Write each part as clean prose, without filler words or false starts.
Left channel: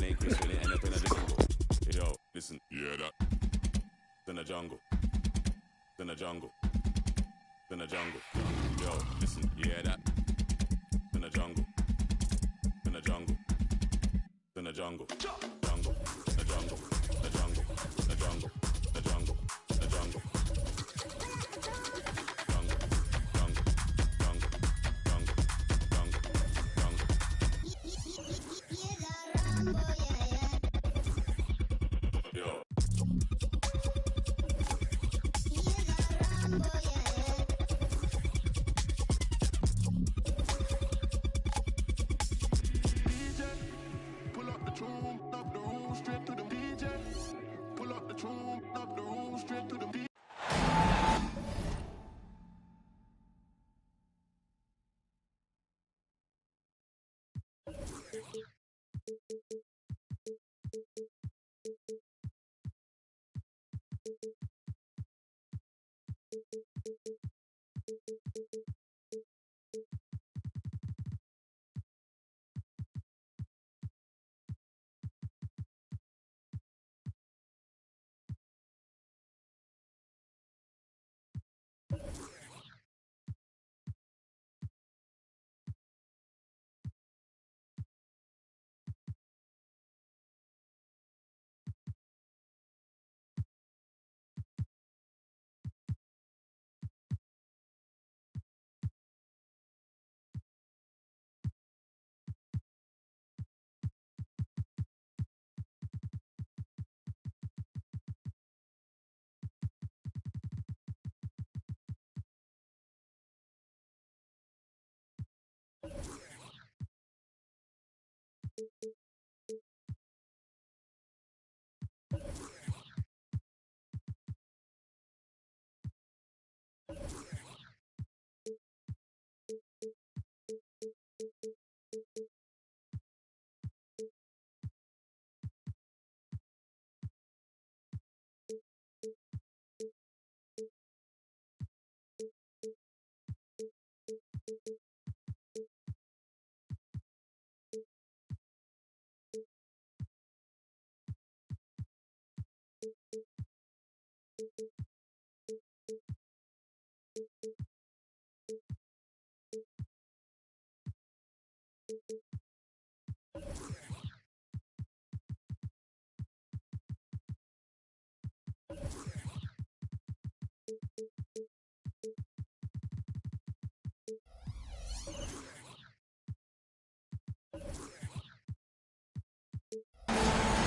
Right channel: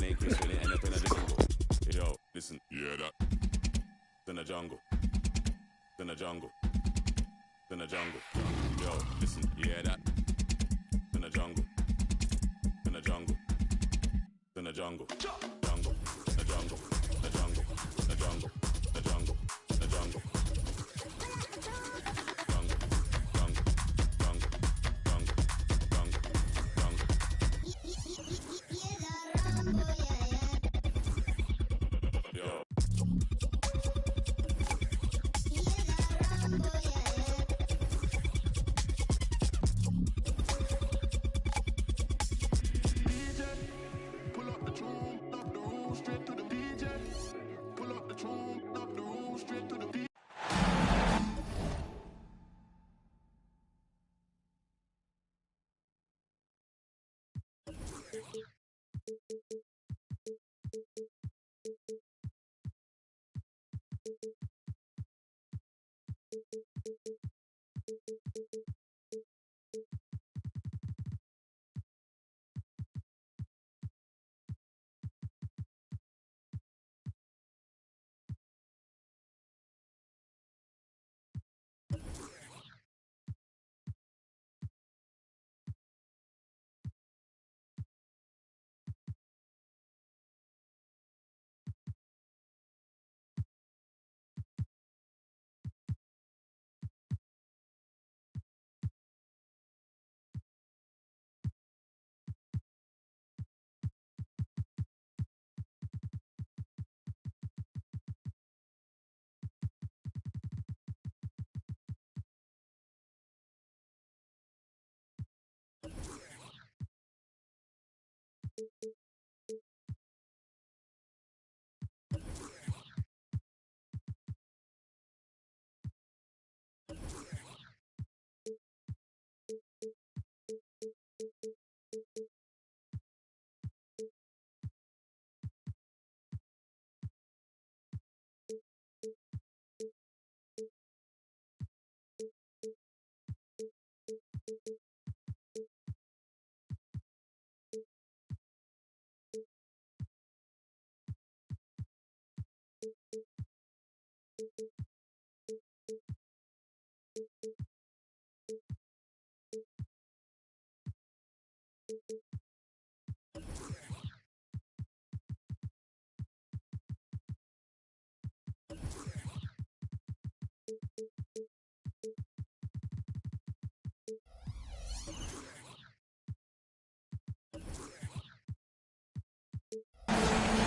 my name Chris, when it end up in a jungle. Yo, listen. Yeah, that. In a jungle. In a jungle. In a jungle. Yo, listen. Yeah, that. In a jungle. In a jungle. In a jungle. Jungle. A jungle. A jungle. A jungle. A jungle. A jungle.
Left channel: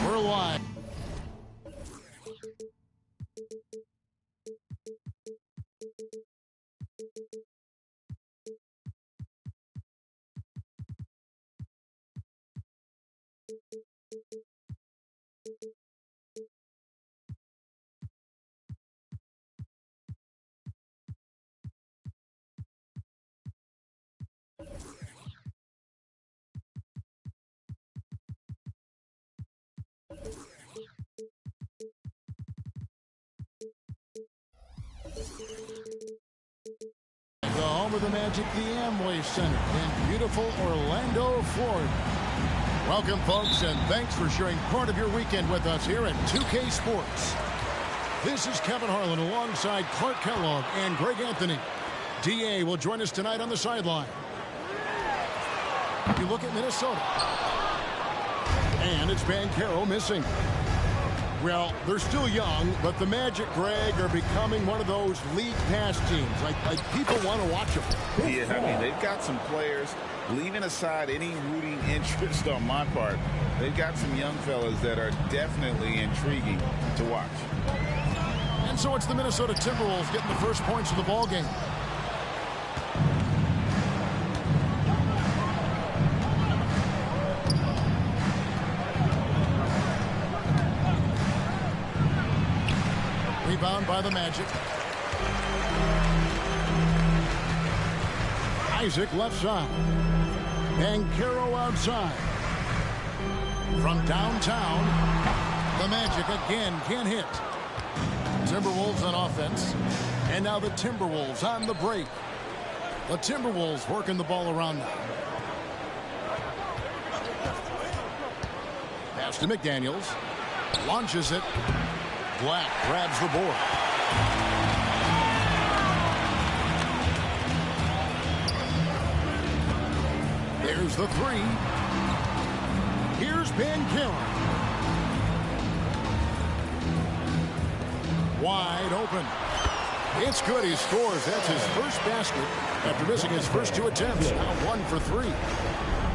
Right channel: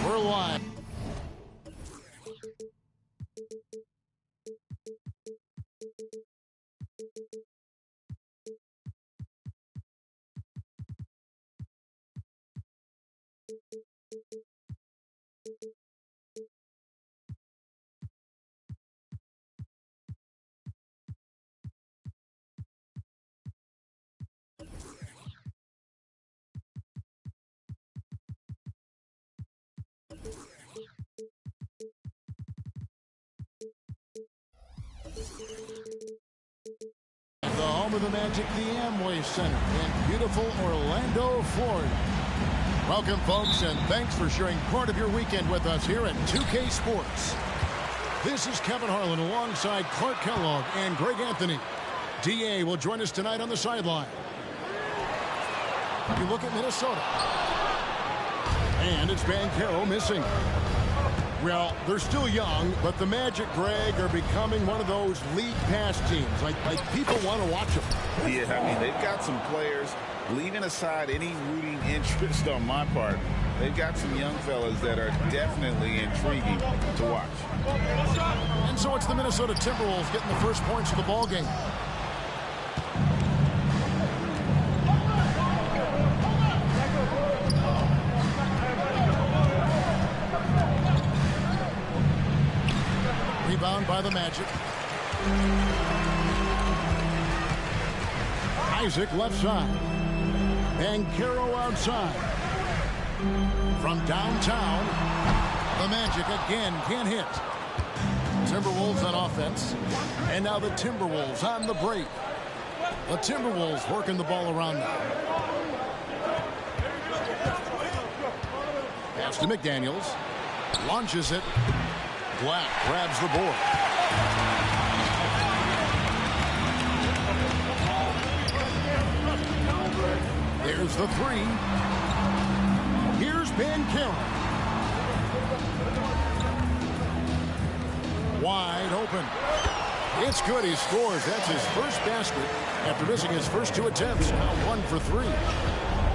We're live. The home of the Magic, the Amway Center in beautiful Orlando, Florida. Welcome, folks, and thanks for sharing part of your weekend with us here at 2K Sports. This is Kevin Harlan alongside Clark Kellogg and Greg Anthony. DA will join us tonight on the sideline. You look at Minnesota. And it's Banchero missing. Well, they're still young, but the Magic, Greg, are becoming one of those league pass teams. Like people want to watch them. Yeah, I mean, they've got some players, leaving aside any rooting interest on my part, they've got some young fellas that are definitely intriguing to watch. And so it's the Minnesota Timberwolves getting the first points of the ball game. Rebound by the Magic. Isaac left side. Banchero outside. From downtown, the Magic again can't hit. Timberwolves on offense. And now the Timberwolves on the break. The Timberwolves working the ball around now. Pass to McDaniels. Launches it. Black grabs the board. There's the three. Here's Banchero. Wide open. It's good. He scores. That's his first basket after missing his first 2 attempts. Now 1 for 3.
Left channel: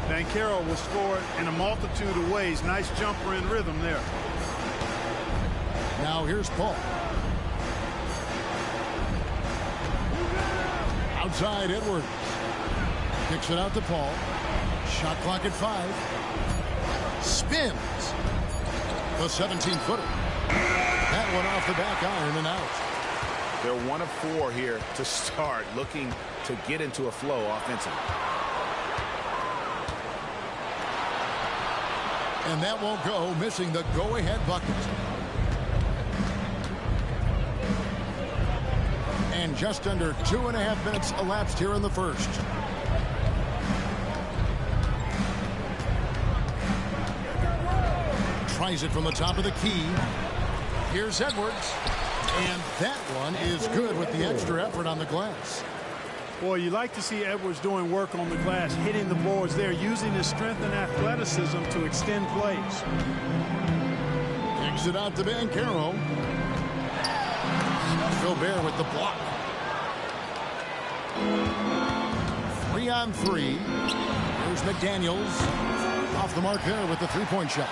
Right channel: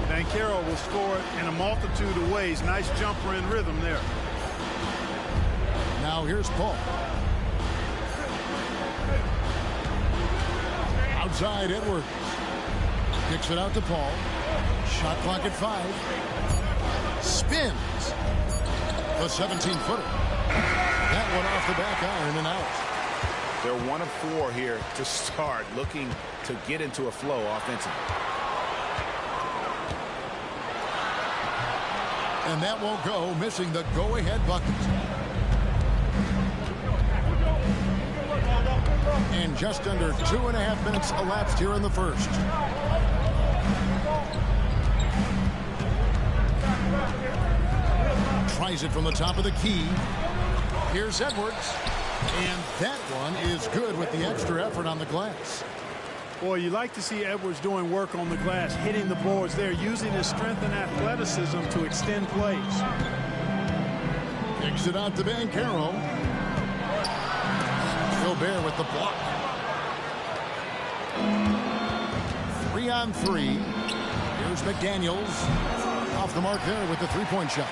Banchero will score in a multitude of ways. Nice jumper in rhythm there. Now here's Paul. Outside Edwards. Kicks it out to Paul. Shot clock at 5. Spins. The 17-footer. That one off the back iron and out. They're 1 of 4 here to start, looking to get into a flow offensively. And that won't go, missing the go-ahead bucket. And just under 2.5 minutes elapsed here in the first. Tries it from the top of the key. Here's Edwards. And that one is good with the extra effort on the glass. Boy, you like to see Edwards doing work on the glass, hitting the boards there, using his strength and athleticism to extend plays. Kicks it out to Banchero. Gobert with the block. 3 on 3. Here's McDaniels. Off the mark there with the three-point shot.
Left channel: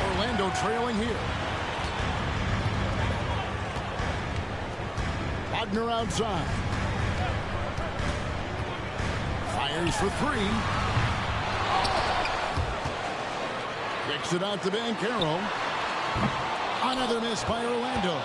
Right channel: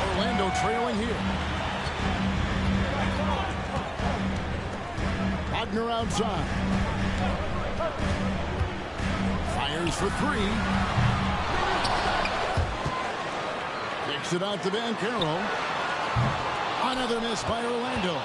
Orlando trailing here. Wagner outside. Fires for 3. Kicks it out to Banchero. Another miss by Orlando.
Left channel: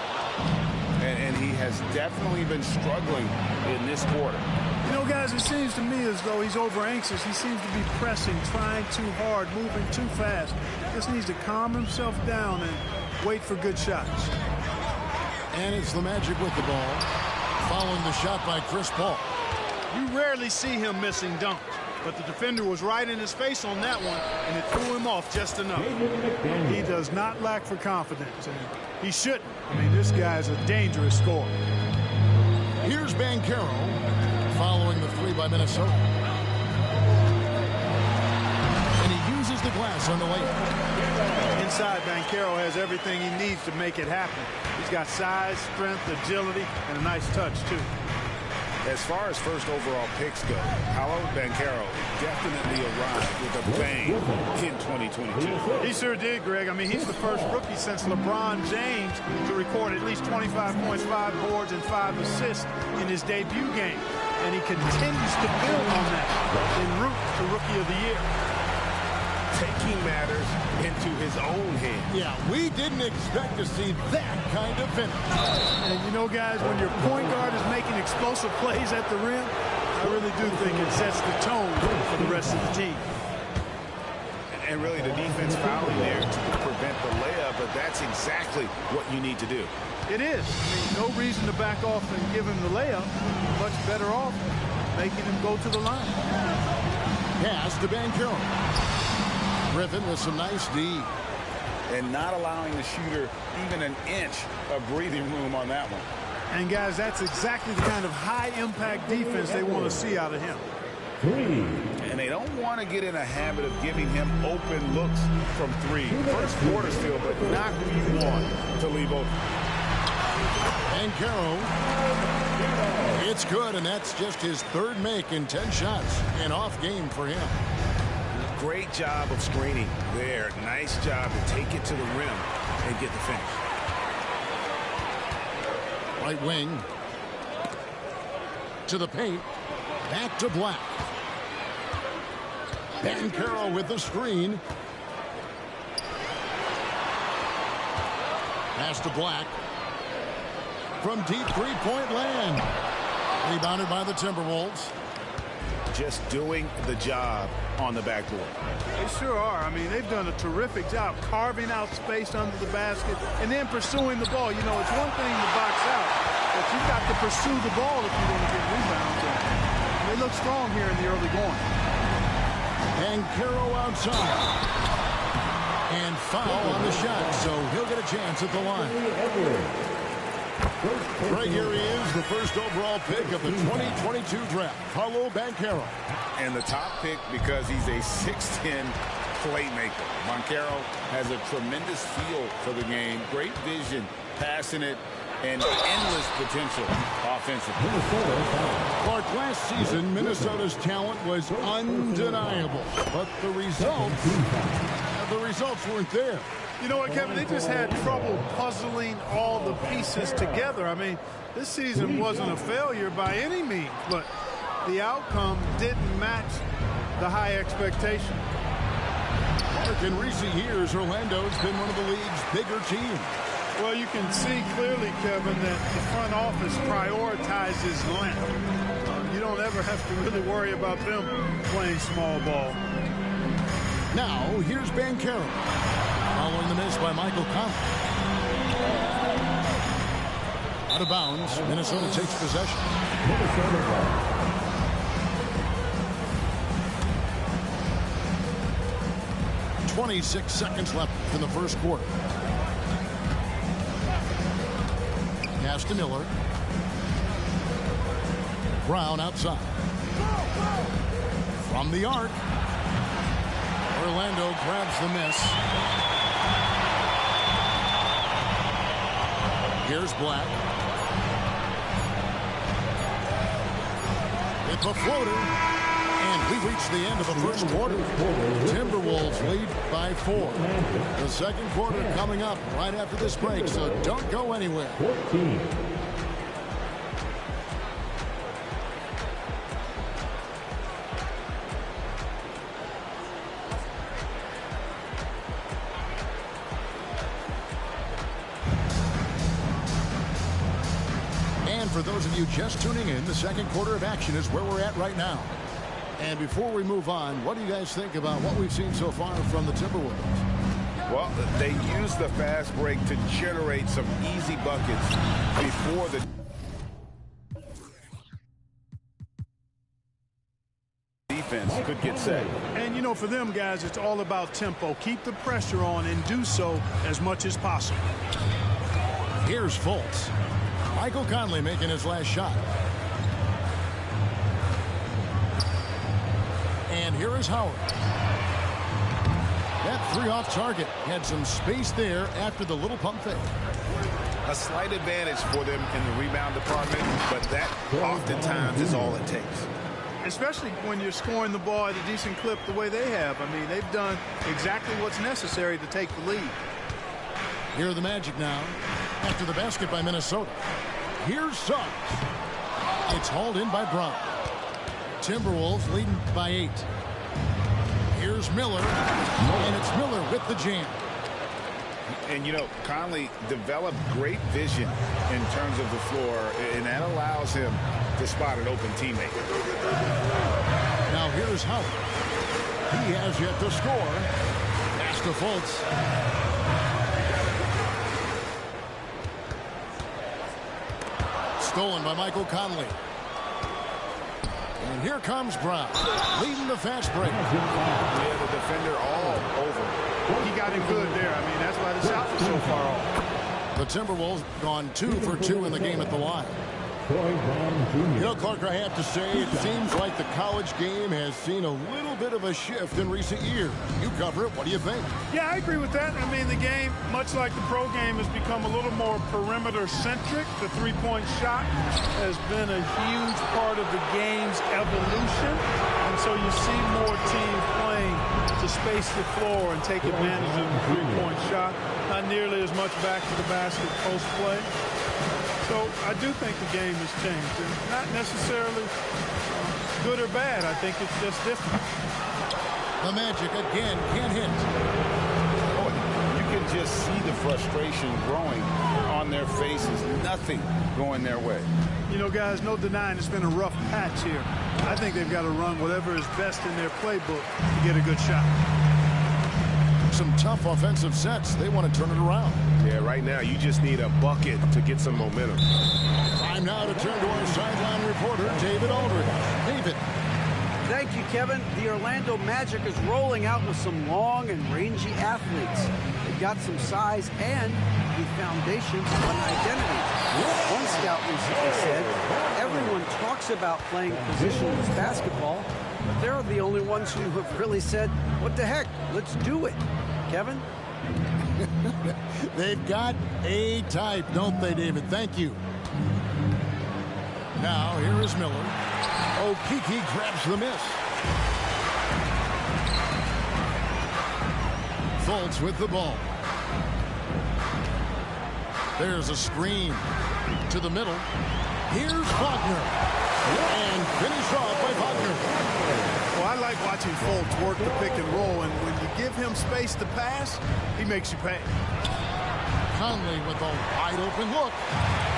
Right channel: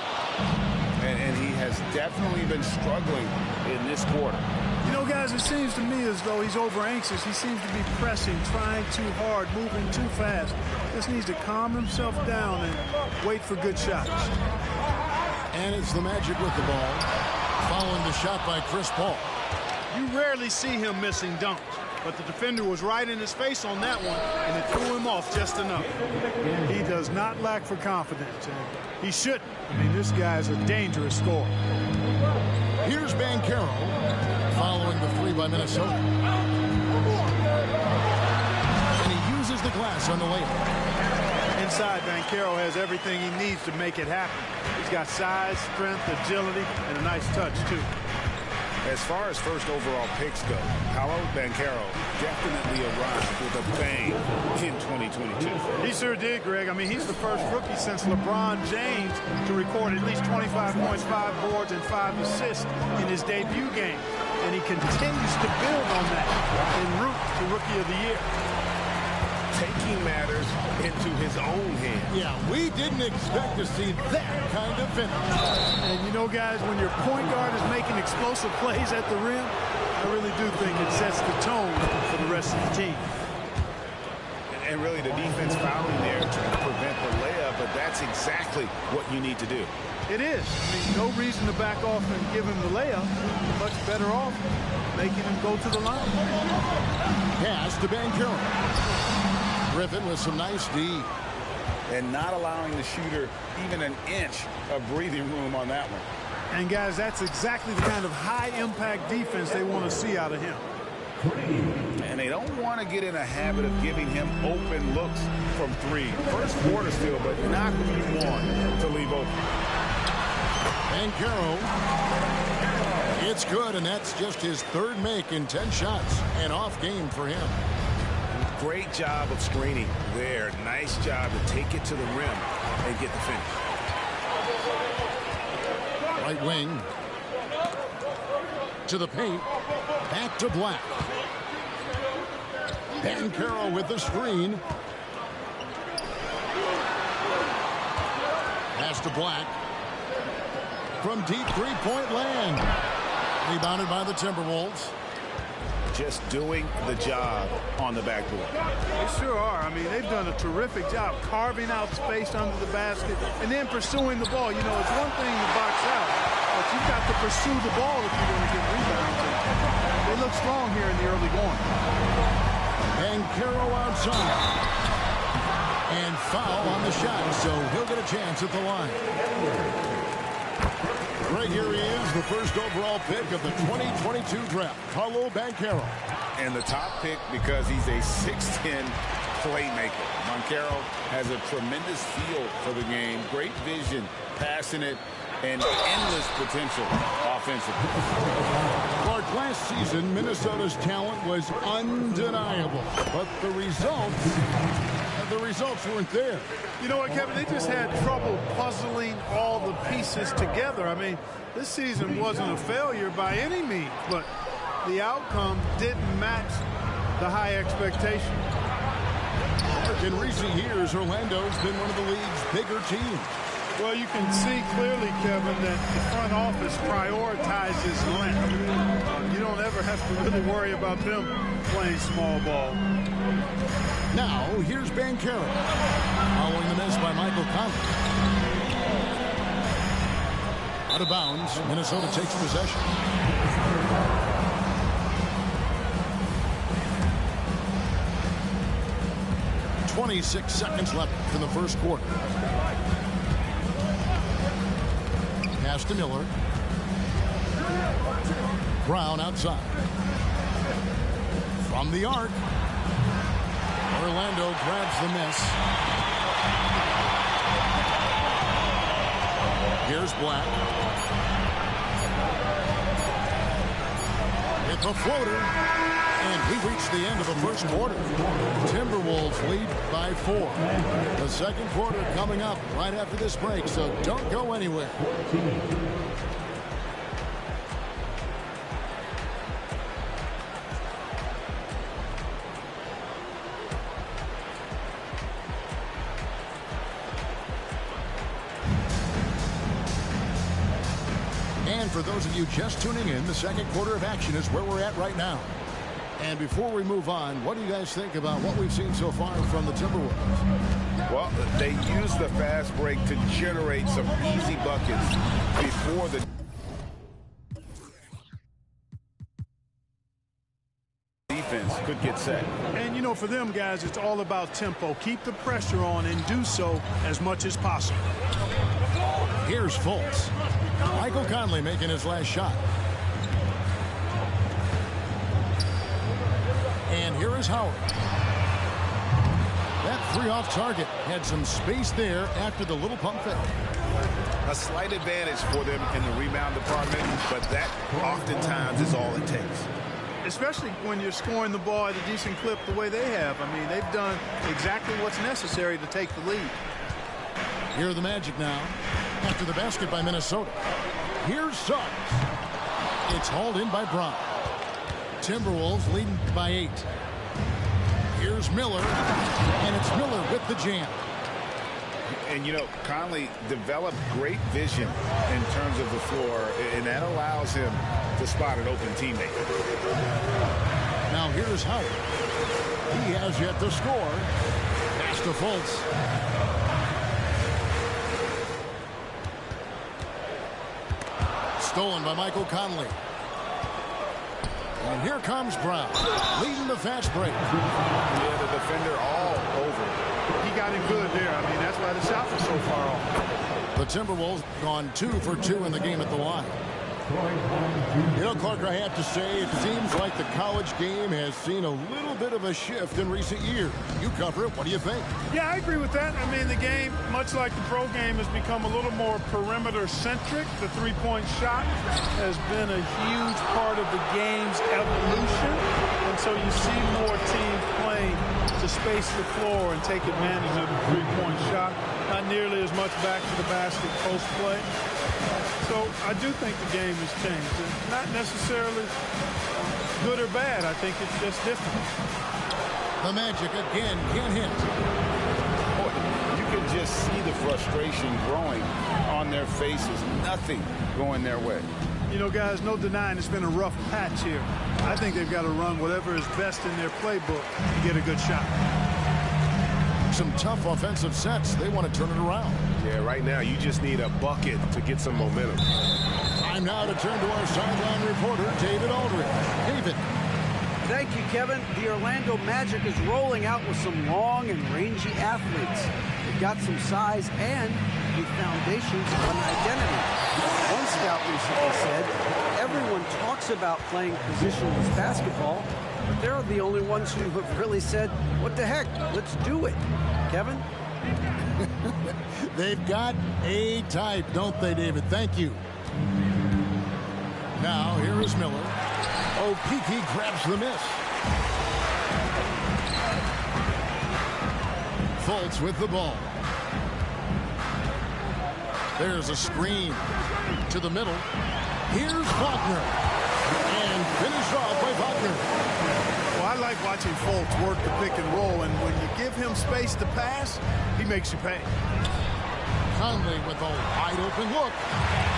And he has definitely been struggling in this quarter. You know, guys, it seems to me as though he's over anxious. He seems to be pressing, trying too hard, moving too fast. Just needs to calm himself down and wait for good shots. And it's the Magic with the ball, following the shot by Chris Paul. You rarely see him missing dunks, but the defender was right in his face on that one, and it threw him off just enough. He does not lack for confidence, and he shouldn't. I mean, this guy is a dangerous scorer. Here's Banchero, following the 3 by Minnesota. And he uses the glass on the layup. Inside, Banchero has everything he needs to make it happen. He's got size, strength, agility, and a nice touch, too. As far as first overall picks go, Paolo Banchero definitely arrived with a bang in 2022. He sure did, Greg. I mean, he's the first rookie since LeBron James to record at least 25 points, 5 boards, and 5 assists in his debut game. And he continues to build on that en route to Rookie of the Year. Taking matters into his own hands. Yeah, we didn't expect to see that kind of finish. And you know, guys, when your point guard is making explosive plays at the rim, I really do think it sets the tone for the rest of the team. And really the defense fouling there to prevent the layup, but that's exactly what you need to do. It is. I mean, no reason to back off and give him the layup. Much better off making him go to the line. Pass to Banchero. Griffin with some nice D. And not allowing the shooter even an inch of breathing room on that one. And, guys, that's exactly the kind of high-impact defense they want to see out of him. And they don't want to get in a habit of giving him open looks from 3. First quarter still, but not who you want to leave open. Banchero. It's good, and that's just his 3rd make in 10 shots. An off game for him. Great job of screening there. Nice job to take it to the rim and get the finish. Right wing. To the paint. Back to Black. Banchero with the screen. Pass to Black. From deep three-point land. Rebounded by the Timberwolves. Just doing the job on the backboard. They sure are. I mean, they've done a terrific job carving out space under the basket and then pursuing the ball. You know, it's one thing to box out, but you've got to pursue the ball if you're going to get rebounds. And they look strong here in the early going. Banchero outside. And foul on the shot, so he'll get a chance at the line. Right here he is, the first overall pick of the 2022 draft, Paolo Banchero. And the top pick because he's a 6'10" playmaker. Banchero has a tremendous feel for the game, great vision, passing it, and endless potential offensively. Clark, last season, Minnesota's talent was undeniable, but the results weren't there. You know what, Kevin? They just had trouble puzzling all the pieces together. I mean, this season wasn't a failure by any means, but the outcome didn't match the high expectation. Clark, in recent years, Orlando's been one of the league's bigger teams. Well, you can see clearly, Kevin, that the front office prioritizes length. You don't ever have to really worry about them playing small ball. Now, here's Banchero, following the miss by Michael Conley. Out of bounds, Minnesota takes possession. 26 seconds left in the first quarter. Pass to Miller. Brown outside. From the arc. Orlando grabs the miss. Here's Black. With the floater. And we reach the end of the first quarter. Timberwolves lead by 4. The second quarter coming up right after this break, so don't go anywhere. And for those of you just tuning in, the second quarter of action is where we're at right now. And before we move on, what do you guys think about what we've seen so far from the Timberwolves? Well, they use the fast break to generate some easy buckets before the defense could get set. And, you know, for them guys, it's all about tempo. Keep the pressure on and do so as much as possible. Here's Fultz. Michael Conley making his last shot. And here is Howard. That three off target had some space there after the little pump fake. A slight advantage for them in the rebound department, but that oftentimes is all it takes. Especially when you're scoring the ball at a decent clip the way they have. I mean, they've done exactly what's necessary to take the lead. Here are the Magic now after the basket by Minnesota. Here's Suggs. It's hauled in by Brown. Timberwolves leading by 8. Here's Miller, and it's Miller with the jam. And, you know, Conley developed great vision in terms of the floor, and that allows him to spot an open teammate. Now here's Howard. He has yet to score. Pass to Fultz. Stolen by Michael Conley. And here comes Brown, leading the fast break. Yeah, the defender all over. He got him good there. I mean, that's why the shot was so far off. The Timberwolves gone 2 for 2 in the game at the line. You know, Clark, I have to say, it seems like the college game has seen a little bit of a shift in recent years. You cover it. What do you think? Yeah, I agree with that. I mean, the game, much like the pro game, has become a little more perimeter-centric. The three-point shot has been a huge part of the game's evolution. And so you see more teams playing to space the floor and take advantage of the three-point shot. Not nearly as much back to the basket post play. So I do think the game has changed, and not necessarily good or bad. I think it's just different. The Magic again can't hit. Boy, you can just see the frustration growing on their faces. Nothing going their way. You know, guys, no denying it's been a rough patch here. I think they've got to run whatever is best in their playbook to get a good shot. Some tough offensive sets. They want to turn it around. Yeah, right now you just need a bucket to get some momentum. Time now to turn to our sideline reporter, David Aldridge. David. Thank you, Kevin. The Orlando Magic is rolling out with some long and rangy athletes. They've got some size and the foundations of an identity. One scout recently said, everyone talks about playing positionless basketball, but they're the only ones who have really said, what the heck, let's do it. Kevin? They've got a type, don't they, David? Thank you. Now, here is Miller. Okeke grabs the miss. Fultz with the ball. There's a screen to the middle. Here's Wagner. And finished off by Wagner. Well, I like watching Fultz work the pick and roll, and when you give him space to pass, he makes you pay. Conley with a wide open look.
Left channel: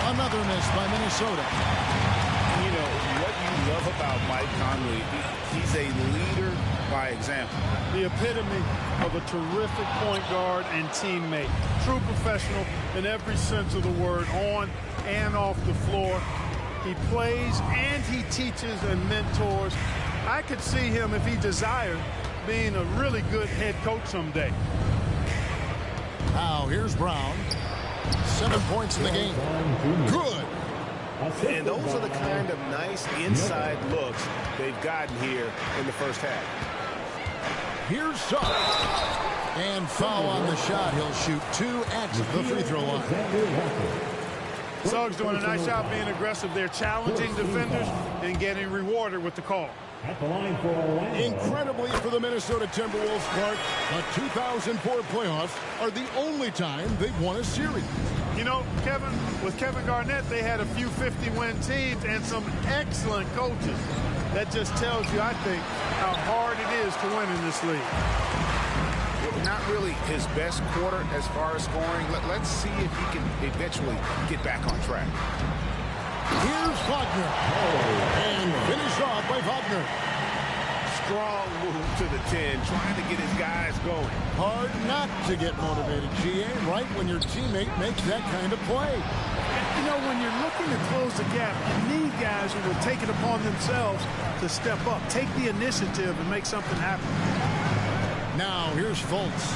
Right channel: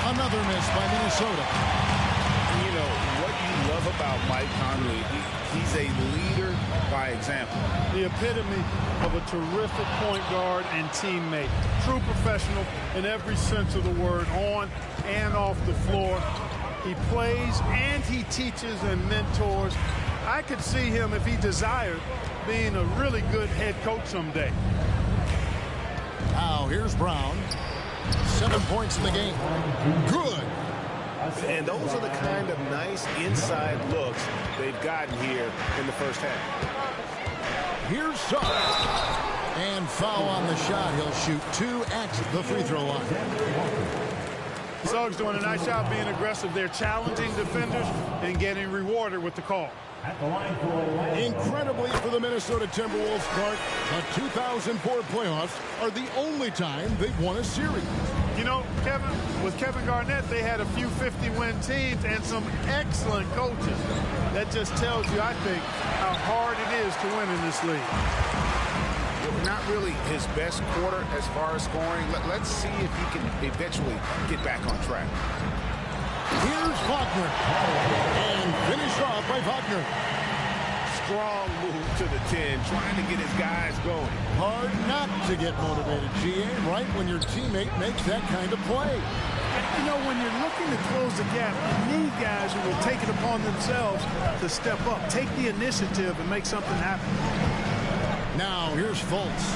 Another miss by Minnesota. And you know, what you love about Mike Conley, he's a leader by example. The epitome of a terrific point guard and teammate. True professional in every sense of the word, on and off the floor. He plays and he teaches and mentors. I could see him, if he desired, being a really good head coach someday. Now here's Brown. 7 points in the game. Good. And those are the kind of nice inside looks they've gotten here in the first half. Here's Suggs. And foul on the shot. He'll shoot 2 at the free throw line. Suggs doing a nice job being aggressive. They're challenging defenders and getting rewarded with the call. Incredibly for the Minnesota Timberwolves, Clark, the 2004 playoffs are the only time they've won a series. You know, Kevin, with Kevin Garnett, they had a few 50-win teams and some excellent coaches. That just tells you, I think, how hard it is to win in this league. Not really his best quarter as far as scoring. Let's see if he can eventually get back on track. Here's Wagner. And finished off by Wagner. Strong move to the 10, trying to get his guys going. Hard not to get motivated, GA, right when your teammate makes that kind of play. You know, when you're looking to close the gap, you need guys who will take it upon themselves to step up, take the initiative, and make something happen. Now, here's Fultz.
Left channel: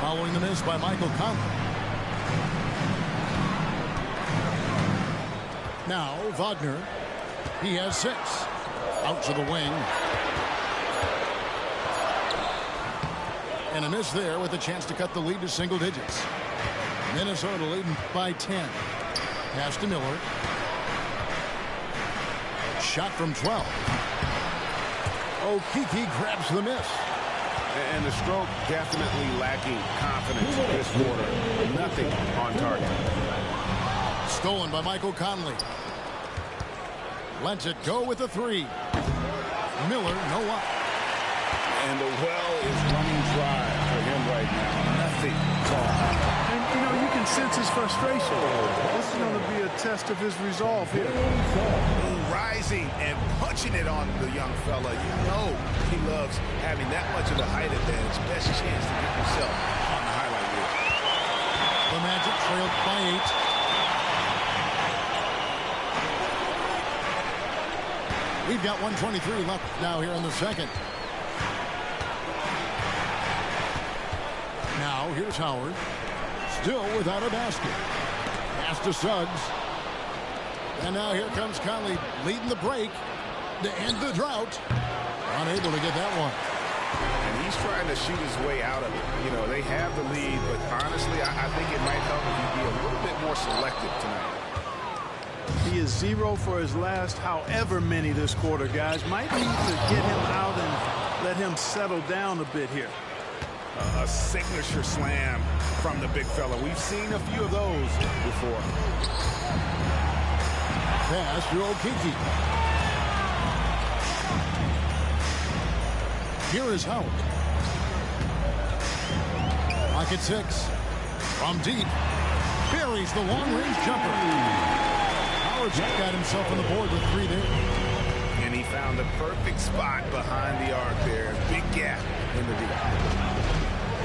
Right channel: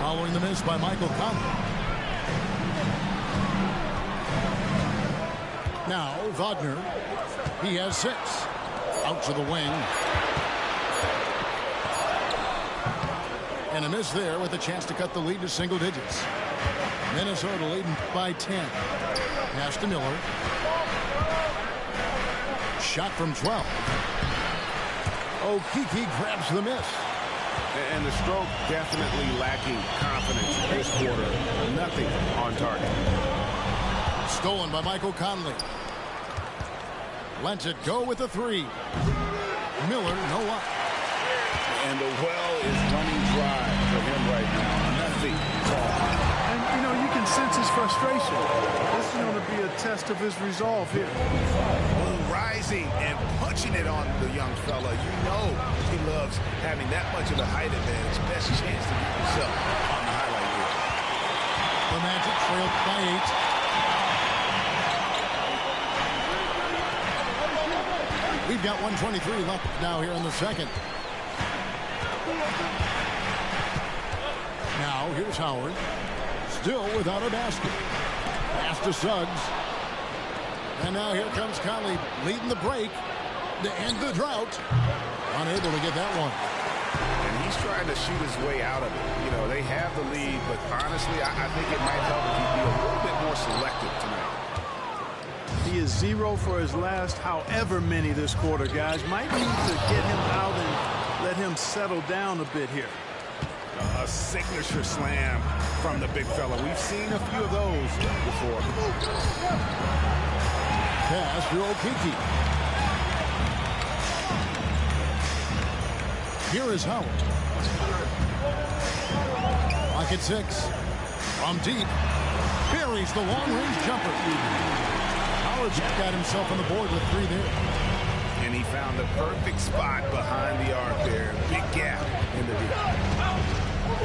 Following the miss by Michael Conley. Now, Wagner. He has 6. Out to the wing. And a miss there with a chance to cut the lead to single digits. Minnesota leading by 10. Pass to Miller. Shot from 12. Okeke grabs the miss. And the stroke definitely lacking confidence this quarter. Nothing on target. Stolen by Michael Conley. Lets it go with a 3. Miller, no luck. And the well is running dry for him right now. Nothing. And, you know, you can sense his frustration. This is going to be a test of his resolve here. Rising and punching it on the young fella. You know he loves having that much of the height advantage. Best chance to get yourself on the highlight reel. The Magic trailed by 8. We've got 1:23 left now here in the second. Now here's Howard. Still without a basket. Pass to Suggs. And now here comes Conley leading the break to end the drought. Unable to get that one. And he's trying to shoot his way out of it. You know, they have the lead, but honestly, I think it might help if he'd be a little bit more selective tonight. He is 0 for his last however many this quarter, guys. Might need to get him out and let him settle down a bit here. A signature slam from the big fella. We've seen a few of those before. Pass to Okeke. Here is Howard. Lock at 6. From deep. Buries the long-range jumper. Howard's got himself on the board with 3 there. And he found the perfect spot behind the arc there. Big gap in the deep.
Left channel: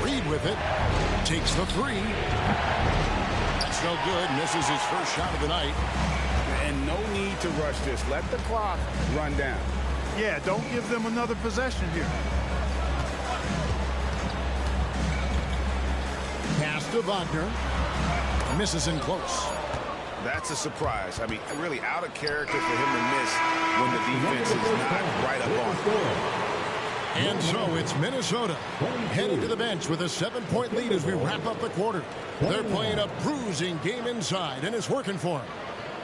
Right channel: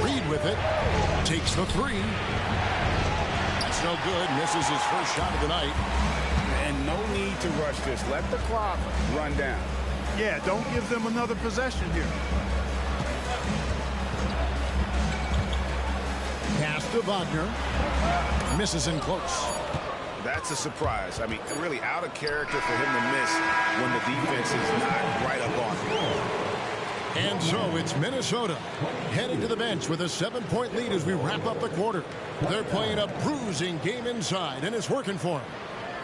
Reed with it. Takes the 3. That's no good. Misses his first shot of the night. And no need to rush this. Let the clock run down. Yeah, don't give them another possession here. Pass to Wagner. Misses in close. That's a surprise. I mean, really out of character for him to miss when the defense is not right up on him. And so it's Minnesota heading to the bench with a 7-point lead as we wrap up the quarter. They're playing a bruising game inside, and it's working for them.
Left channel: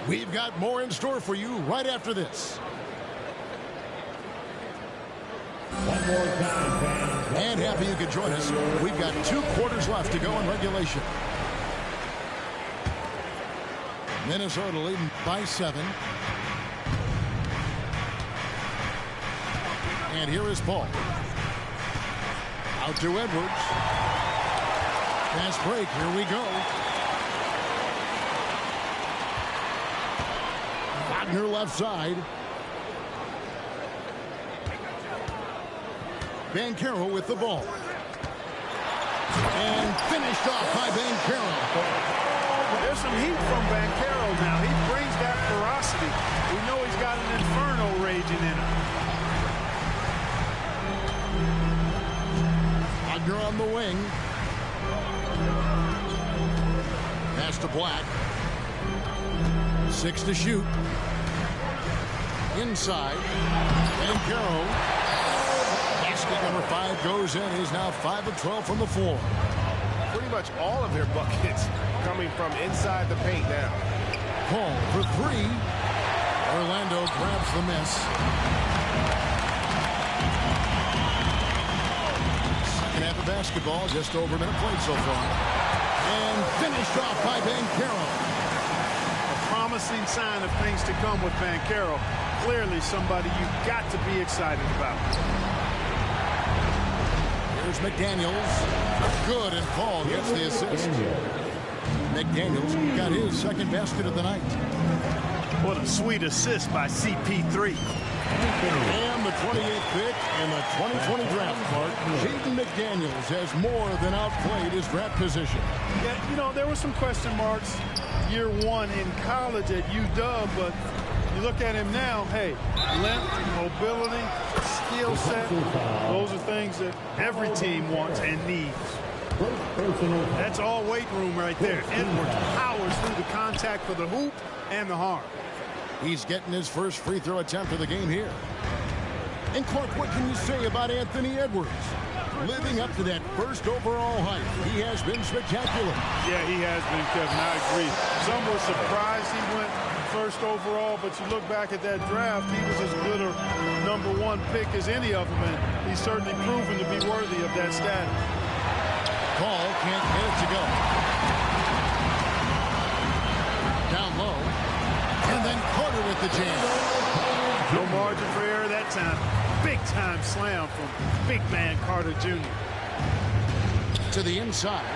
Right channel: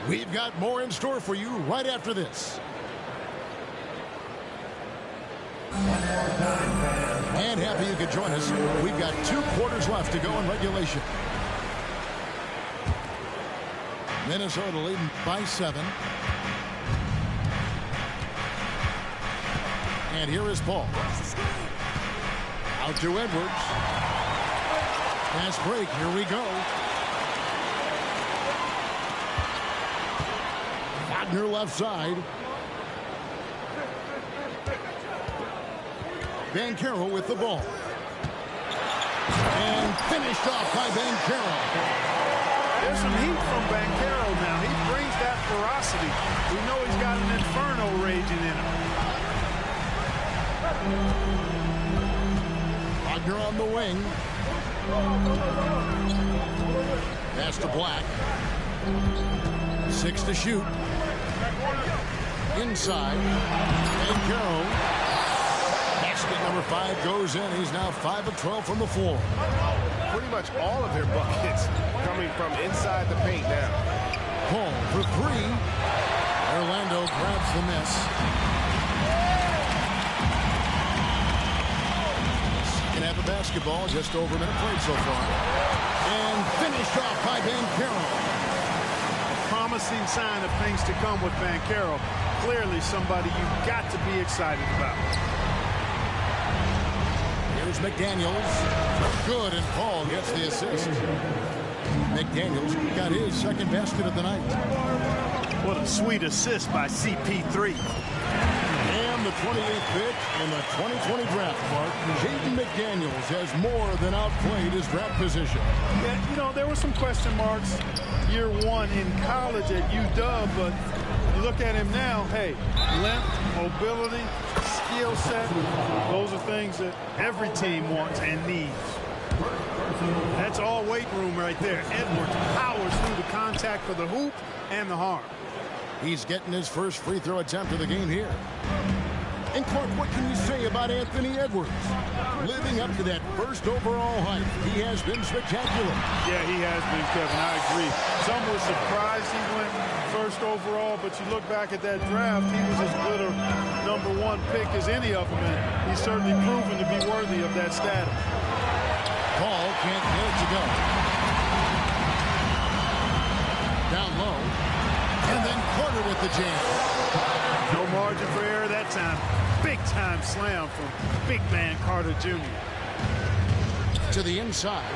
We've got more in store for you right after this. One more time, fans. And happy you could join us. We've got 2 quarters left to go in regulation. Minnesota leading by 7. And here is Paul. Out to Edwards. Fast break. Here we go. Wagner left side. Banchero with the ball. And finished off by Banchero. There's some heat from Banchero now. He brings that ferocity. We know he's got an inferno raging in him. Wagner on the wing. Pass to Black. 6 to shoot. Inside. Banchero. Basket number 5 goes in. He's now 5 of 12 from the floor. Pretty much all of their buckets coming from inside the paint now. Paul for 3. Orlando grabs the miss. Second half of basketball, just over a minute played so far. And finished off by Banchero. A promising sign of things to come with Banchero. Clearly somebody you've got to be excited about. Here's McDaniels. Good, and Paul gets the assist. McDaniels got his second basket of the night. What a sweet assist by CP3. And the 28th pick in the 2020 draft, Clark. Jaden McDaniels has more than outplayed his draft position. Yeah, you know, there were some question marks year 1 in college at UW, but you look at him now, hey, length, mobility, skill set, those are things that every team wants and needs. That's all weight room right there. Edwards powers through the contact for the hoop and the harm. He's getting his first free throw attempt of the game here. And Clark, what can you say about Anthony Edwards? Living up to that first overall hype, he has been spectacular. Yeah, he has been, Kevin. I agree. Some were surprised he went first overall, but you look back at that draft, he was as good a number 1 pick as any of them, and he's certainly proven to be worthy of that status. Paul can't get it to go. Down low. And then Carter with the jam. No margin for error that time. Big-time slam from big man Carter Jr. To the inside.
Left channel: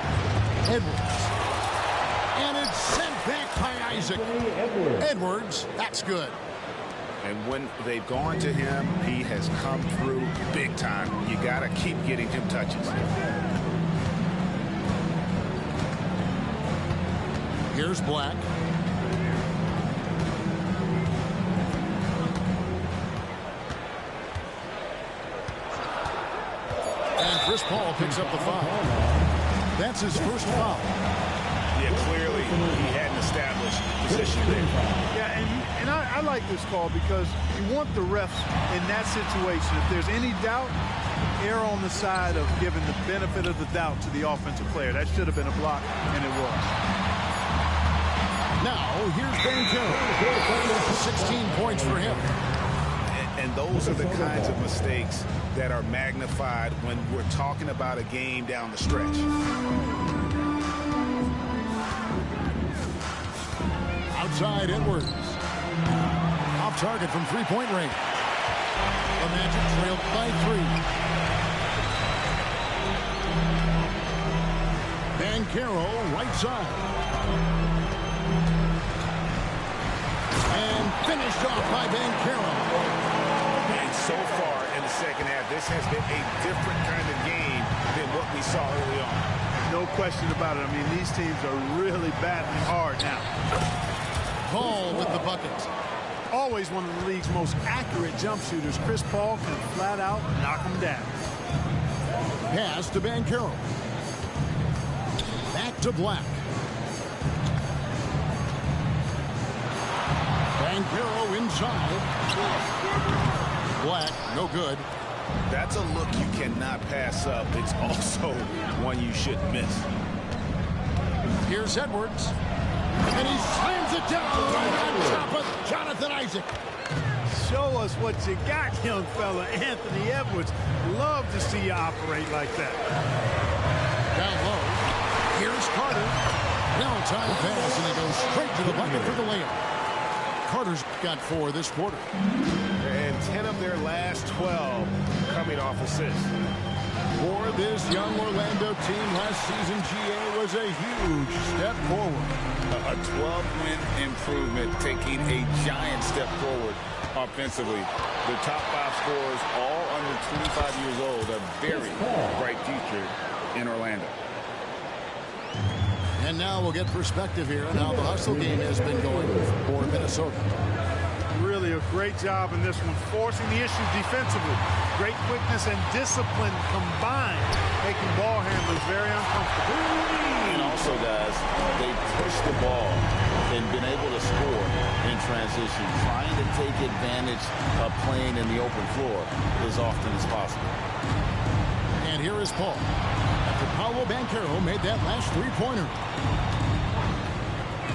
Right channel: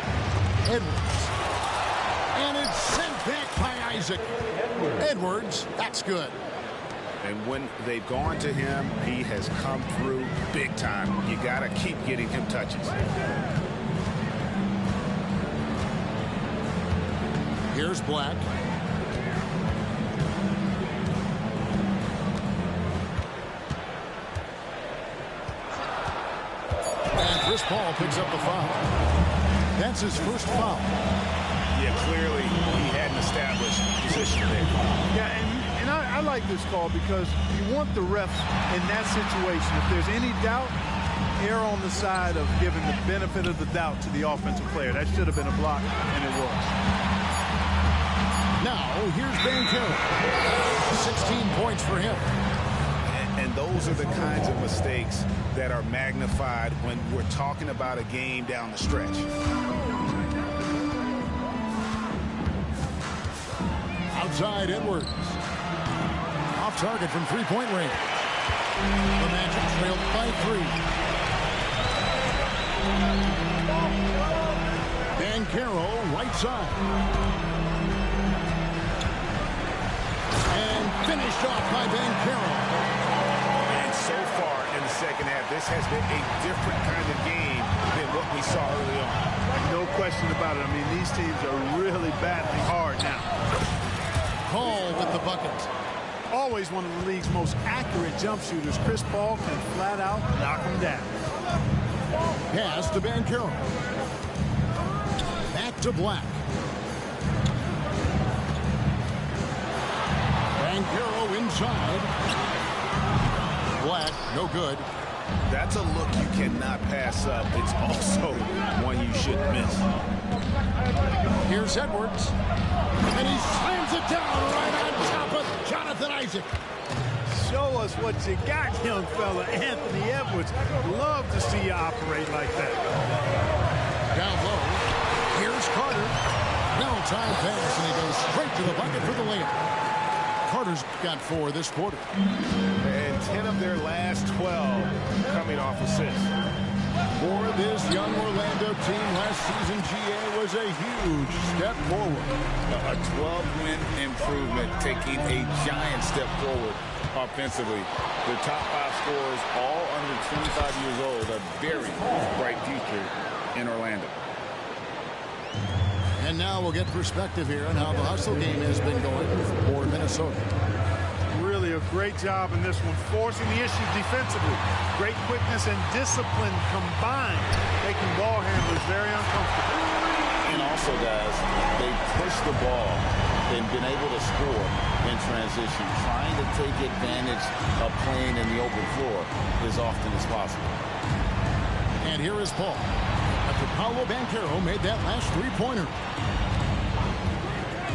Edwards. And it's sent back by Isaac. Edwards, that's good. And when they've gone to him, he has come through big time. You got to keep getting him touches. Here's Black. And Chris Paul picks up the foul. That's his first foul. Yeah, clearly he hadn't established position there. Yeah, and I like this call because you want the refs in that situation. If there's any doubt, err on the side of giving the benefit of the doubt to the offensive player. That should have been a block, and it was. Now, here's Banchero. 16 points for him. And those are the kinds of mistakes that are magnified when we're talking about a game down the stretch. Outside Edwards. Off target from three-point range. The Magic trailed by 3. Banchero, right side. And finished off by Banchero. And so far in the second half, this has been a different kind of game than what we saw early on. No question about it. I mean, these teams are really battling hard now. Paul with the bucket. Always one of the league's most accurate jump shooters, Chris Paul can flat out knock him down. Pass to Banchero. Back to Black. Banchero inside. Black, no good. That's a look you cannot pass up. It's also one you shouldn't miss. Here's Edwards. And he slams it down right on top of Jonathan Isaac. Show us what you got, young fella. Anthony Edwards. Love to see you operate like that. Down low. Here's Carter. Well-timed pass, and he goes straight to the bucket for the layup. Carter's got 4 this quarter. And 10 of their last 12 coming off assists. For this young Orlando team, last season GA was a huge step forward. A 12-win improvement, taking a giant step forward offensively. The top 5 scorers, all under 25 years old, a very bright future in Orlando. And now we'll get perspective here on how the hustle game has been going for Minnesota. Really a great job in this one, forcing the issue defensively. Great quickness and discipline combined, making ball handlers very uncomfortable. And also, guys, they pushed the ball and been able to score in transition, trying to take advantage of playing in the open floor as often as possible. And here is Paul, after Paolo Banchero made that last three-pointer.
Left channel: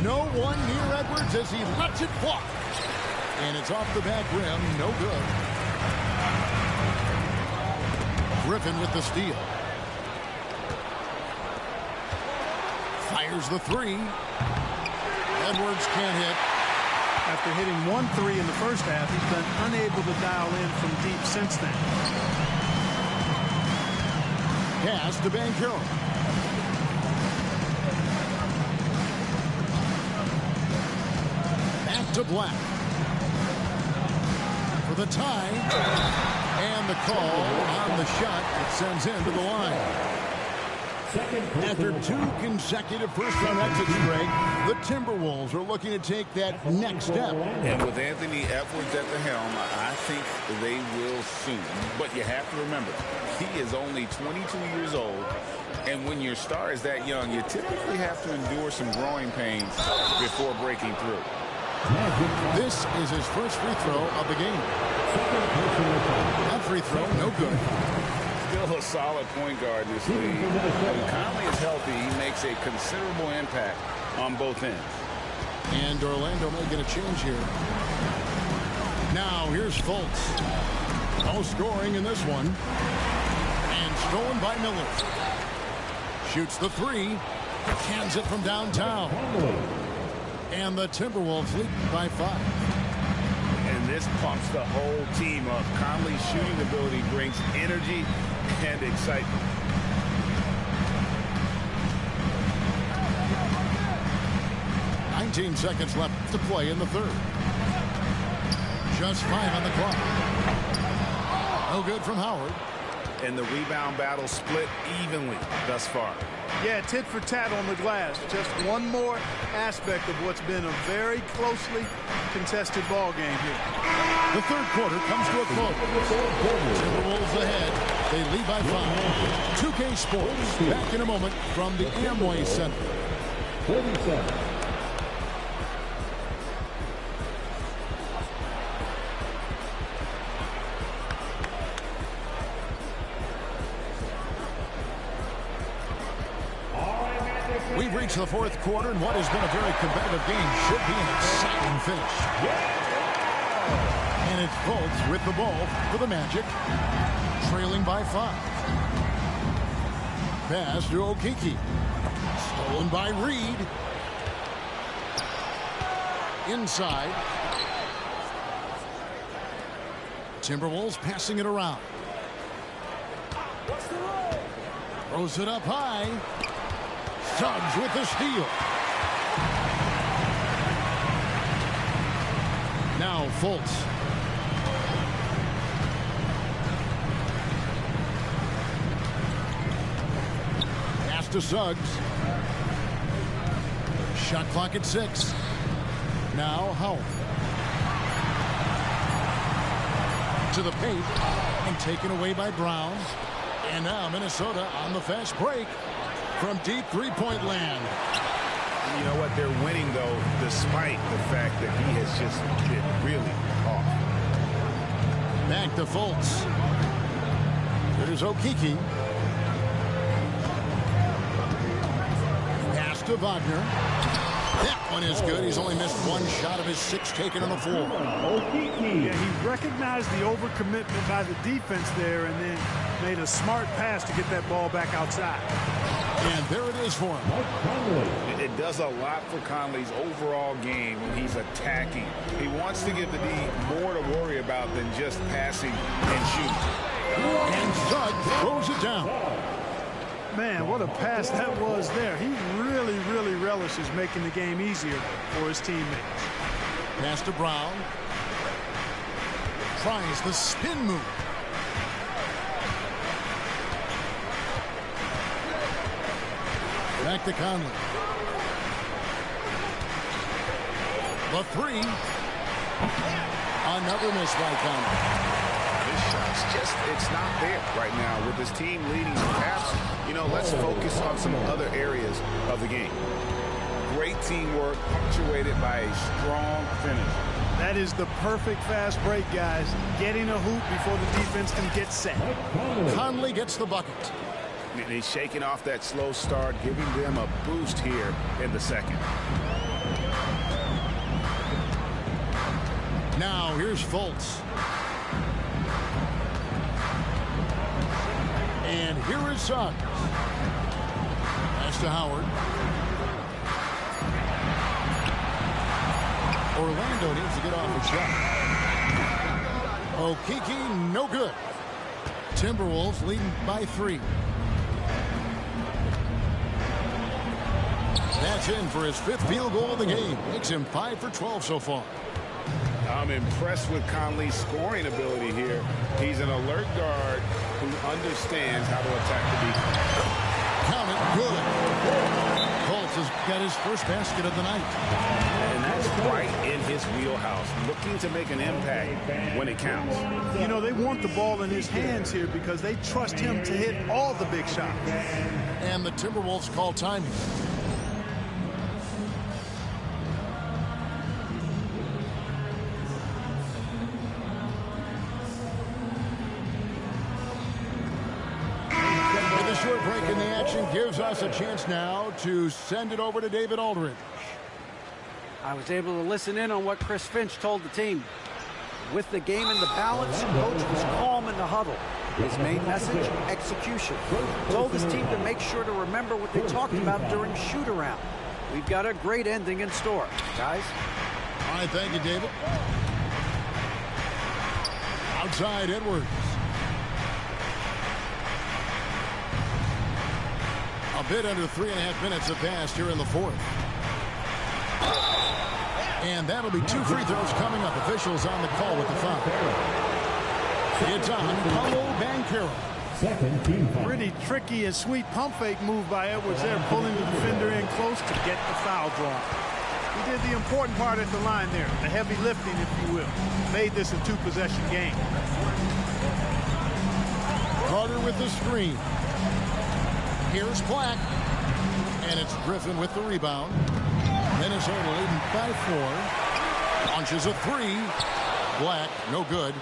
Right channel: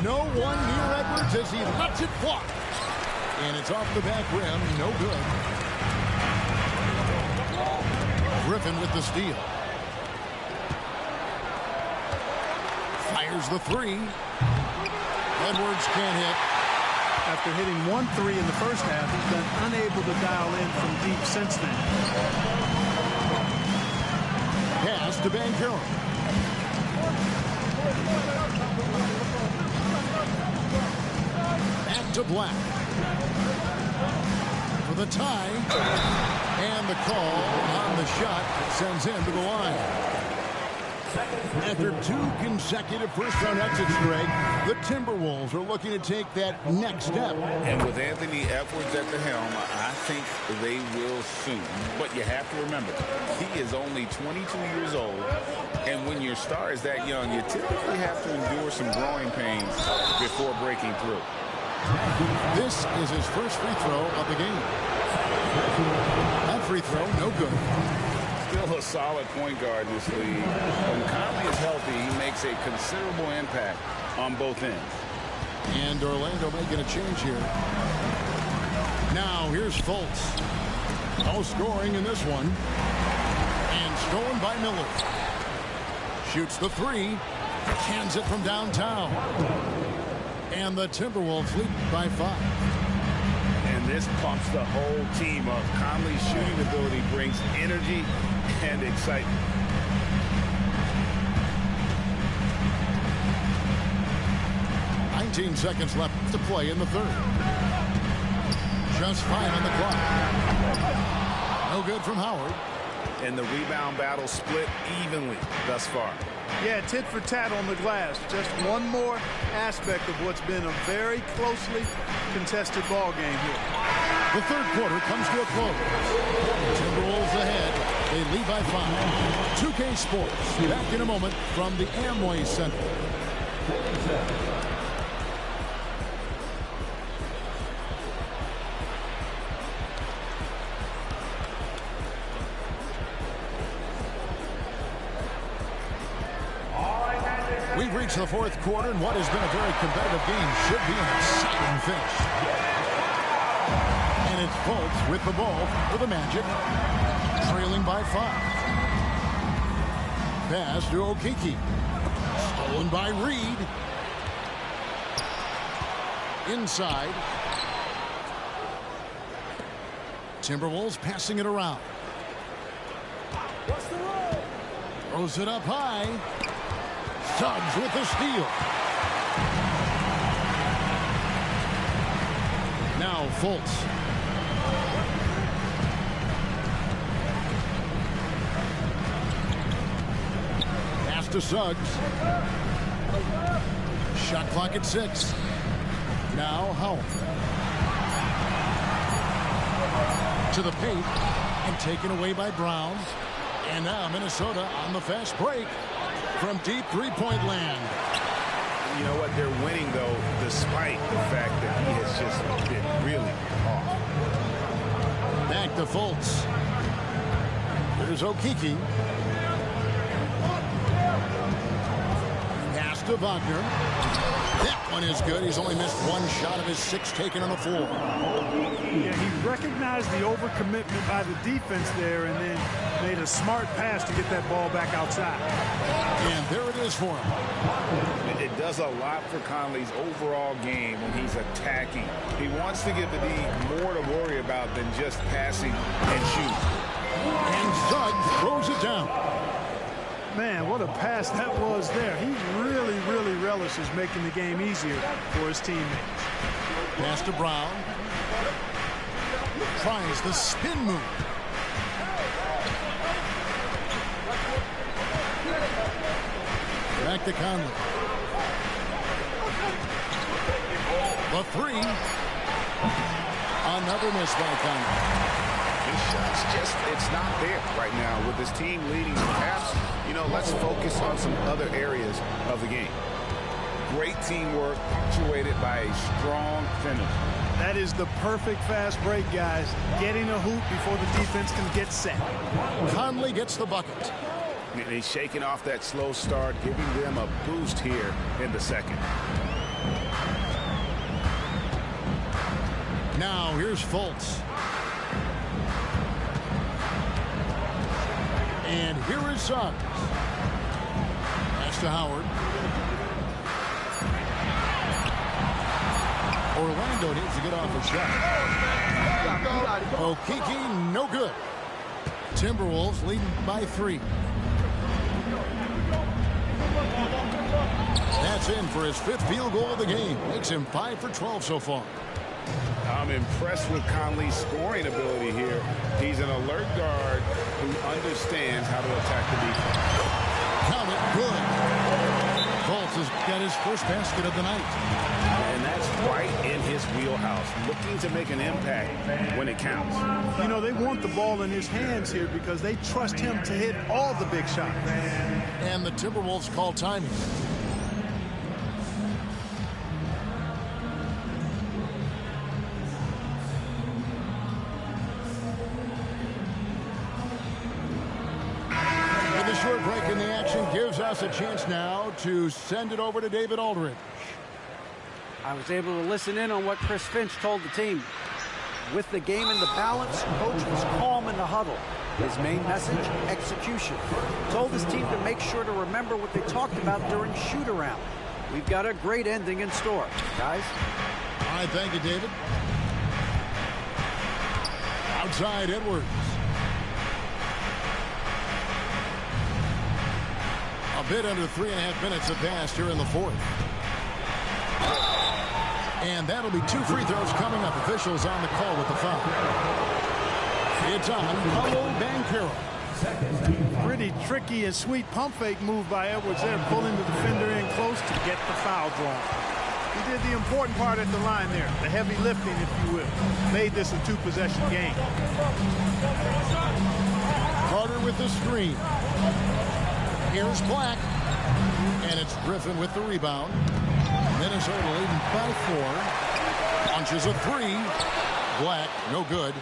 No one near Edwards as he lets it fly. And it's off the back rim, no good. Griffin with the steal. Fires the 3. Edwards can't hit. After hitting 1 3 in the first half, he's been unable to dial in from deep since then. Pass to Banchero. Back to Black. For the tie. And the call on the shot that sends him to the line. After 2 consecutive first-round exits, Greg, the Timberwolves are looking to take that next step. And with Anthony Edwards at the helm, I think they will soon. But you have to remember, he is only 22 years old. And when your star is that young, you typically have to endure some growing pains before breaking through. This is his first free throw of the game. That free throw, no good. Still a solid point guard in this league. When Conley is healthy, he makes a considerable impact on both ends. And Orlando making a change here. Now here's Fultz. No scoring in this one. And stolen by Miller. Shoots the 3. Cans it from downtown. And the Timberwolves lead by 5. And this pumps the whole team up. Conley's shooting ability brings energy and excitement. "19 seconds left to play in the third. Just 5 on the clock. No good from Howard. And the rebound battle split evenly thus far. Yeah, tit for tat on the glass. Just one more aspect of what's been a very closely contested ball game here. The third quarter comes to a close. Timberwolves ahead. They lead by 5. 2K Sports back in a moment from the Amway Center. We've reached the fourth quarter, and what has been a very competitive game should be an exciting finish. And it's Fultz with the ball for the Magic, trailing by 5. Pass to Okeke. Stolen by Reed. Inside. Timberwolves passing it around. Throws it up high. Suggs with the steal. Now Fultz. Pass to Suggs. Shot clock at 6. Now Howard. To the paint and taken away by Brown. And now Minnesota on the fast break from deep three-point land. You know what? They're winning, though, despite the fact that he has just been really off. Back to Fultz. Here's Okeke. Pass to Wagner. That one is good. He's only missed one shot of his 6 taken on the floor. Yeah, he recognized the overcommitment by the defense there and then made a smart pass to get that ball back outside. And there it is for him. It does a lot for Conley's overall game when he's attacking. He wants to give the D more to worry about than just passing and shooting. And Suggs throws it down. Man, what a pass that was there. He really, really relishes making the game easier for his teammates. Pass to Brown. Tries the spin move. Back to Conley. The 3. Another miss by Conley. His shots just, it's not there right now with his team leading. Perhaps, let's focus on some other areas of the game. Great teamwork punctuated by a strong finish. That is the perfect fast break, guys. Getting a hoop before the defense can get set. Conley gets the bucket. And he's shaking off that slow start, giving them a boost here in the second. Now here's Fultz. And here is Suggs. Pass to Howard. Orlando needs to get off a shot. Okeke, no good. Timberwolves leading by 3. That's in for his 5th field goal of the game. Makes him 5 for 12 so far. I'm impressed with Conley's scoring ability here. He's an alert guard who understands how to attack the defense. Count it, good. Fultz has got his first basket of the night. And that's right in his wheelhouse, looking to make an impact when it counts. They want the ball in his hands here because they trust him to hit all the big shots. And the Timberwolves call timing. The short break in the action gives us a chance now to send it over to David Aldridge. I was able to listen in on what Chris Finch told the team. With the game in the balance, coach was calm in the huddle. His main message, execution. Told his team to make sure to remember what they talked about during shoot-around. We've got a great ending in store, guys. All right, thank you, David. Outside Edwards. A bit under 3.5 minutes have passed here in the 4th. And that'll be 2 free throws coming up. Officials on the call with the foul. It's on Paolo Banchero. Pretty tricky and sweet pump fake move by Edwards there, pulling the defender in close to get the foul drawn. He did the important part at the line there, the heavy lifting, if you will. Made this a 2-possession game. Carter with the screen. Here's Black. And it's Griffin with the rebound. Minnesota leading by 4. Launches a 3. Black, no good.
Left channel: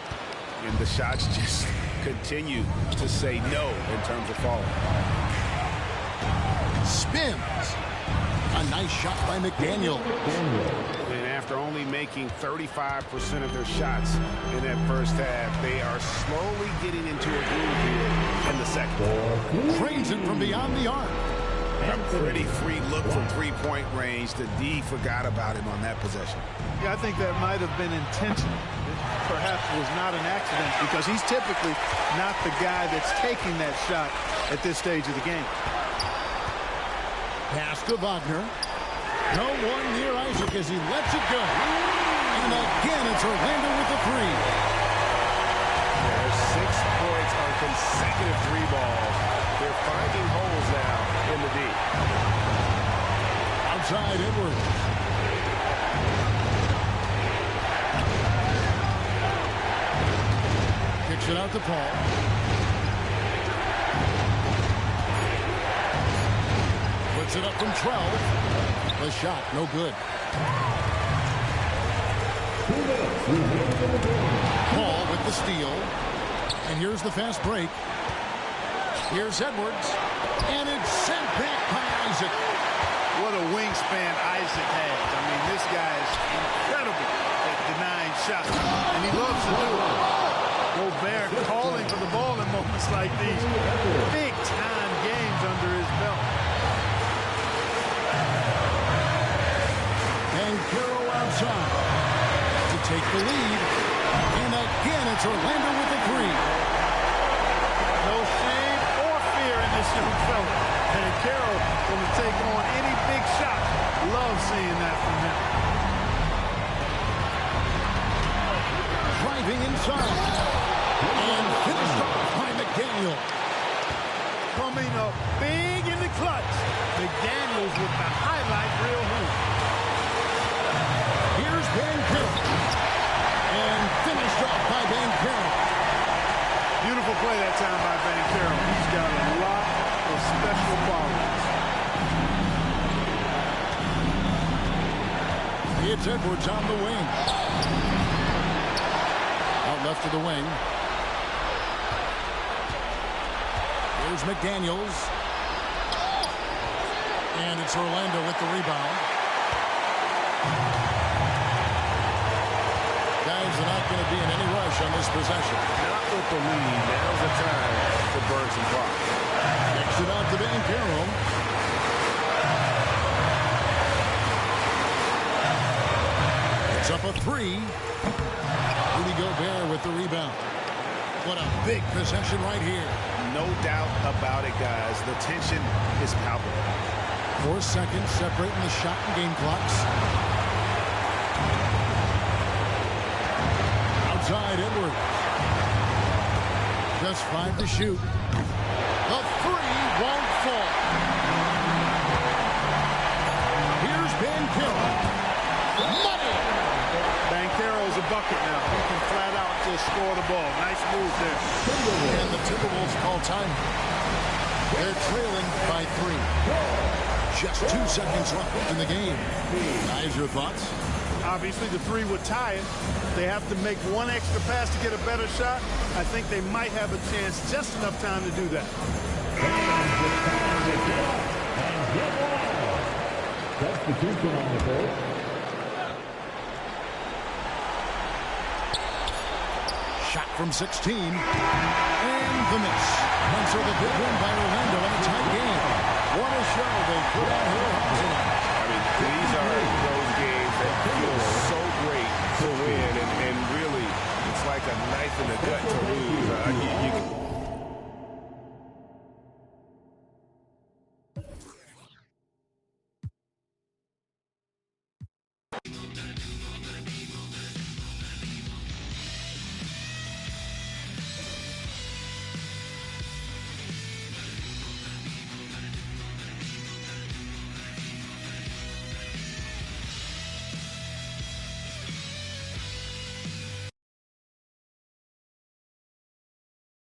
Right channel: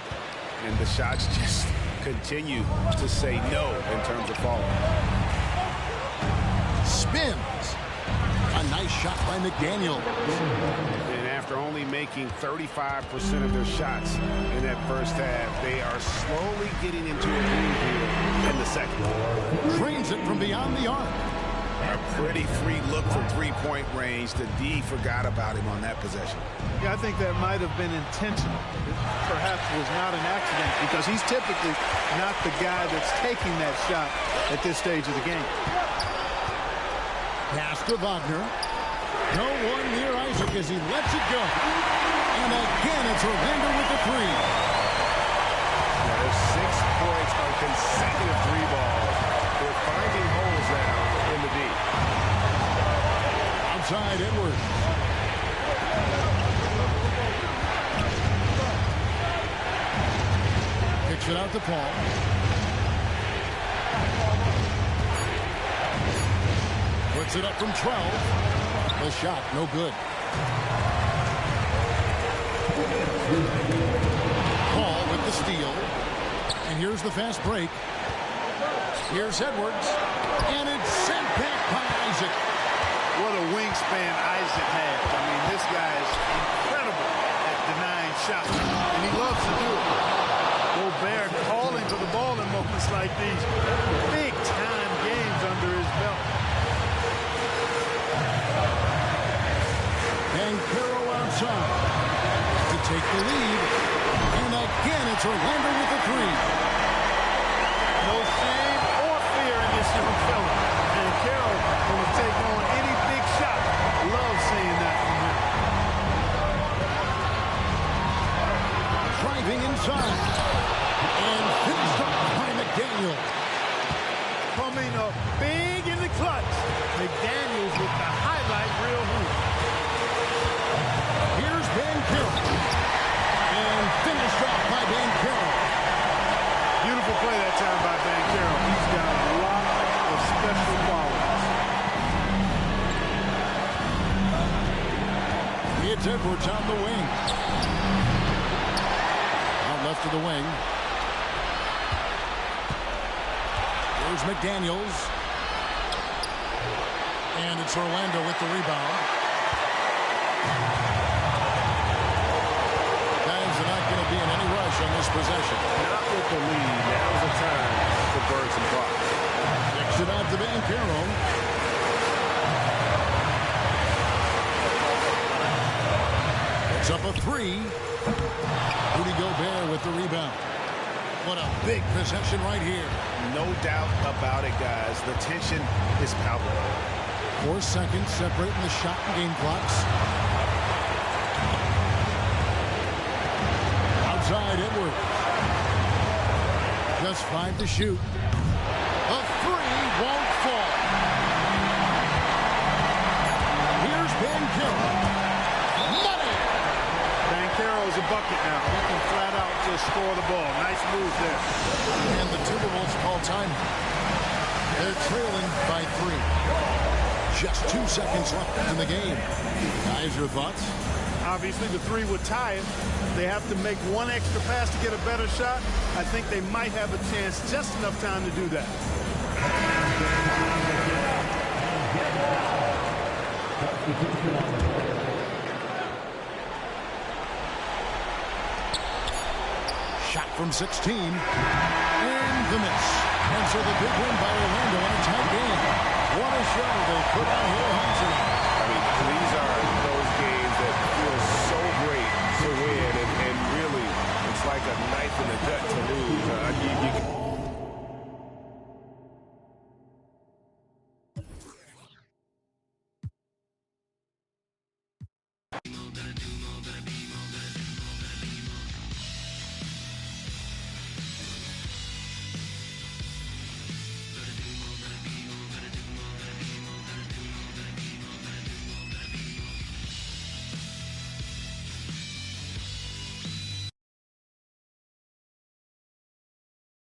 And the shots just continue to say no in terms of falling. Spins. A nice shot by McDaniel. And after only making 35% of their shots in that first half, they are slowly getting into a groove here in the second. Drains it from beyond the arc. A pretty free look from three-point range. The D forgot about him on that possession. Yeah, I think that might have been intentional. It perhaps was not an accident because he's typically not the guy that's taking that shot at this stage of the game. Pass to Wagner. No one near Isaac as he lets it go. And again, it's Orlando with the 3. Yeah, there's 6 points on consecutive 3 balls. They're finding holes now in the D. Outside Edwards. Kicks it out to Paul. Puts it up from 12. The shot, no good. Paul with the steal. And here's the fast break. Here's Edwards. And it's sent back by Isaac. What a wingspan Isaac has. I mean, this guy is incredible at denying shots. And he loves to do it. Gobert calling for the ball in moments like these. Big-time games under his belt. And Caro outside to take the lead. And again, it's Orlando with the three. No shame or fear in this young fella. And Caro going to take on any big shot. Love seeing that from him. Driving inside. And finished off by McDaniel. Coming up big in the clutch. McDaniels with the highlight reel hoop. Here's Bancaro. And finished off by Bancaro. Beautiful play that time by Bancaro. He's got a lot of special qualities. It's Edwards on the wing. Out left to the wing. Here's McDaniels. And it's Orlando with the rebound. Guys are not going to be in any rush on this possession. Not with the lead. Now's the time to burn some clock. Kicks it out to Bancaro. It's up a three. Rudy Gobert with the rebound. What a big possession right here. No doubt about it, guys. The tension is palpable. 4 seconds separating the shot and game clocks. Outside Edwards. Just 5 to shoot. The three won't fall. Here's Bancaro. Money! Bancaro's a bucket now. He can flat out just score the ball. Nice move there. And the Timberwolves call time. They're trailing by 3. Just 2 seconds left in the game. Guys, your thoughts? Obviously, the three would tie it. They have to make one extra pass to get a better shot. I think they might have a chance, just enough time to do that. Shot from 16. And the miss. And so the big win by Orlando in a tight game. What a show they put on here home tonight. I mean, these are those games that feel so great to win, and really, it's like a knife in the gut to lose.